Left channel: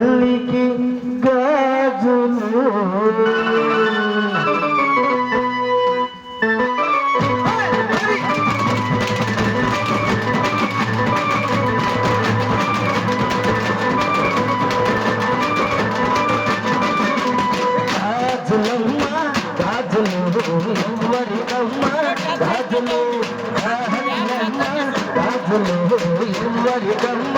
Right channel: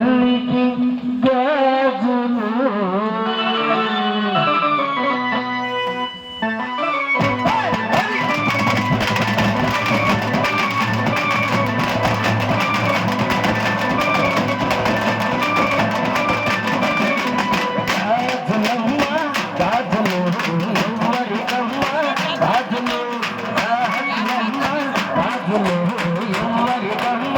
తల్లికి గాజులు గాజులమ్మ గాజులు ఎవ్వరికమ్మ గాజులు గాజులు ఎవ్వరికమ్మ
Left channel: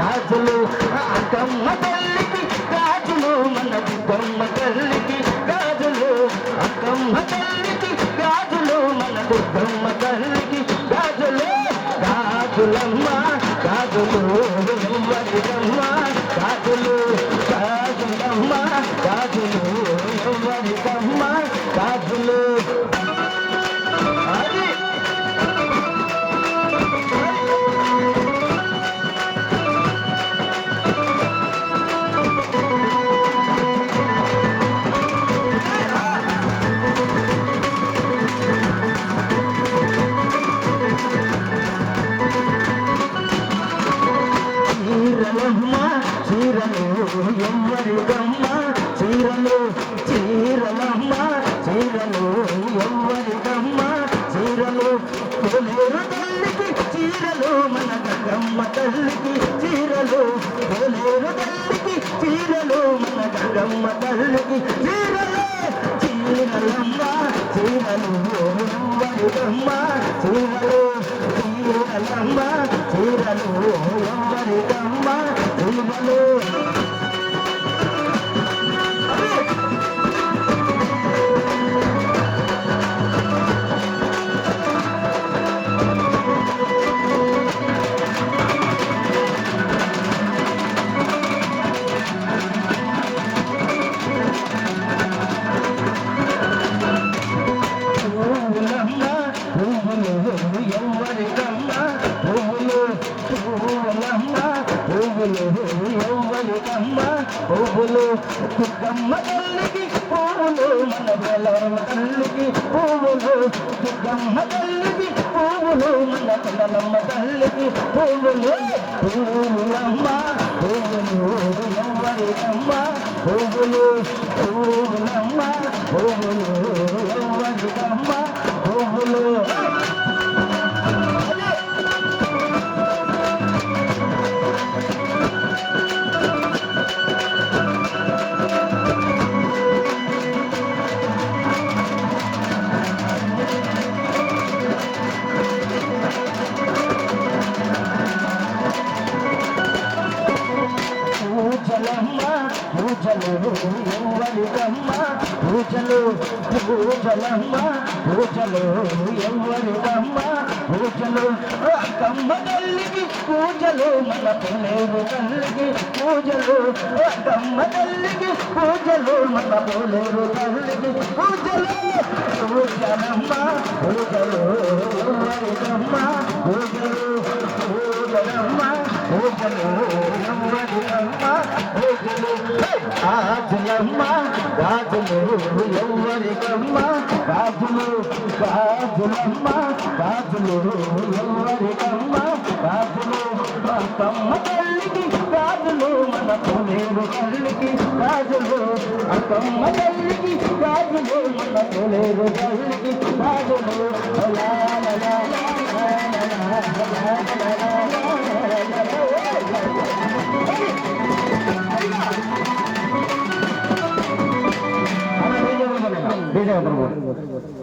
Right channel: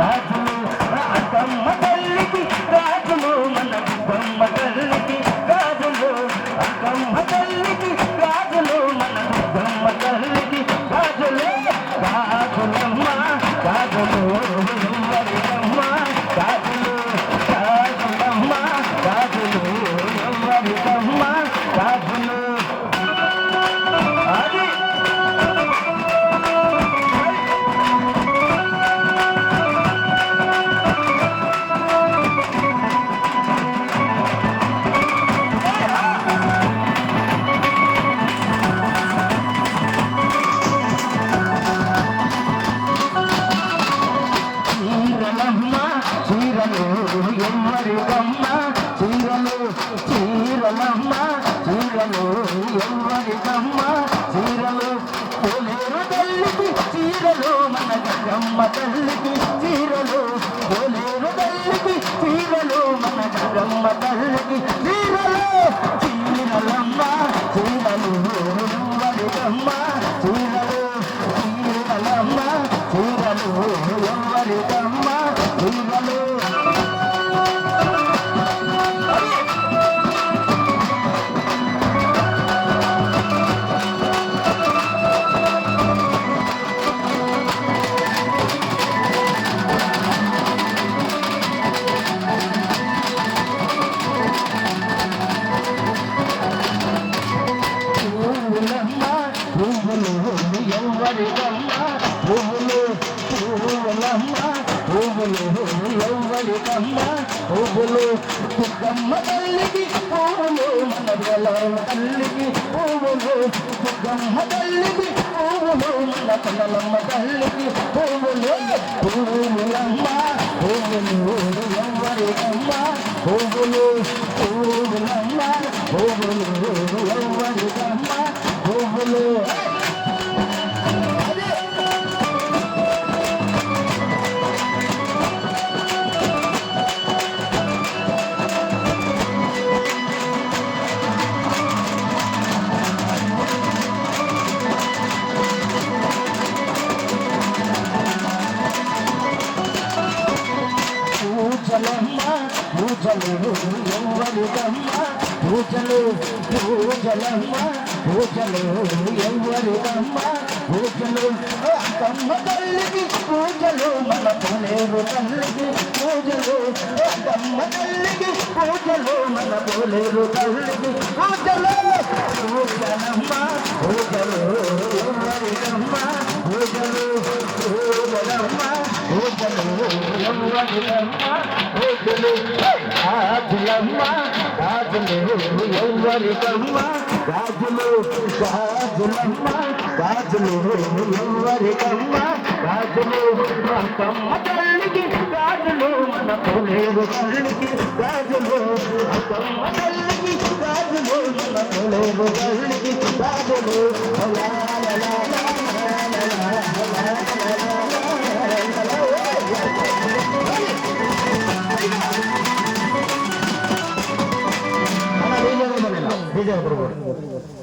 గాజులు అక్కమ్మ తల్లికి గాజులు మన దుర్గమ్మ తల్లికి గాజులు అక్కమ్మ తల్లికి గాజులు మన దుర్గమ్మ తల్లికి గాజులు గాజులమ్మ గాజులు ఎవ్వరికమ్మ గాజులు గాజులమ్మ గాజులు ఎవ్వరికమ్మ గాజులు చీరలు ఎవ్వరికమ్మ చీరలు చీరలమ్మ చీరలు ఎవ్వరికమ్మ చీరలు పోలేరు తల్లికి చీరలు మన గంగమ్మ తల్లికి చీరలు పోలేరు తల్లికి చీరలు మన గంగమ్మ తల్లికి చీరలు చీరలమ్మ చీరలు ఎవ్వరికమ్మ చీరలు చీరలమ్మ చీరలు ఎవ్వరికమ్మ చీరలు పువ్వులు ఎవ్వరికమ్మ పువ్వులు పువ్వులమ్మ పువ్వులు ఎవ్వరికమ్మ పువ్వులు దుర్గమ్మ తల్లికి పువ్వులు మన బెల్లమ్మ తల్లికి పువ్వులు దుర్గమ్మ తల్లికి పువ్వులు మన బెల్లమ్మ తల్లికి పువ్వులు పువ్వులమ్మ పువ్వులు ఎవ్వరికమ్మ పువ్వులు పువ్వులమ్మ పువ్వులు ఎవ్వరికమ్మ పువ్వులు పూజలు ఎవ్వరికమ్మ పూజలు పూజలమ్మ పూజలు ఎవ్వరికమ్మ పూజలు అక్కమ్మ తల్లికి పూజలు మన పోలేరు తల్లికి పూజలు అక్కమ్మ తల్లికి పూజలు మన పోలేరు తల్లికి పూజలు పూజలమ్మ పూజలు ఎవ్వరికమ్మ పూజలు పూజలమ్మ పూజలు ఎవ్వరికమ్మ పూజలు గాజులమ్మ గాజులు ఎవ్వరికమ్మ గాజులు గాజులమ్మ గాజులు ఎవ్వరికమ్మ గాజులు అక్కమ్మ తల్లికి గాజులు మన పోలేరు తల్లికి గాజులు అక్కమ్మ తల్లికి గాజులు మన పోలేరు తల్లికి గాజులు DJ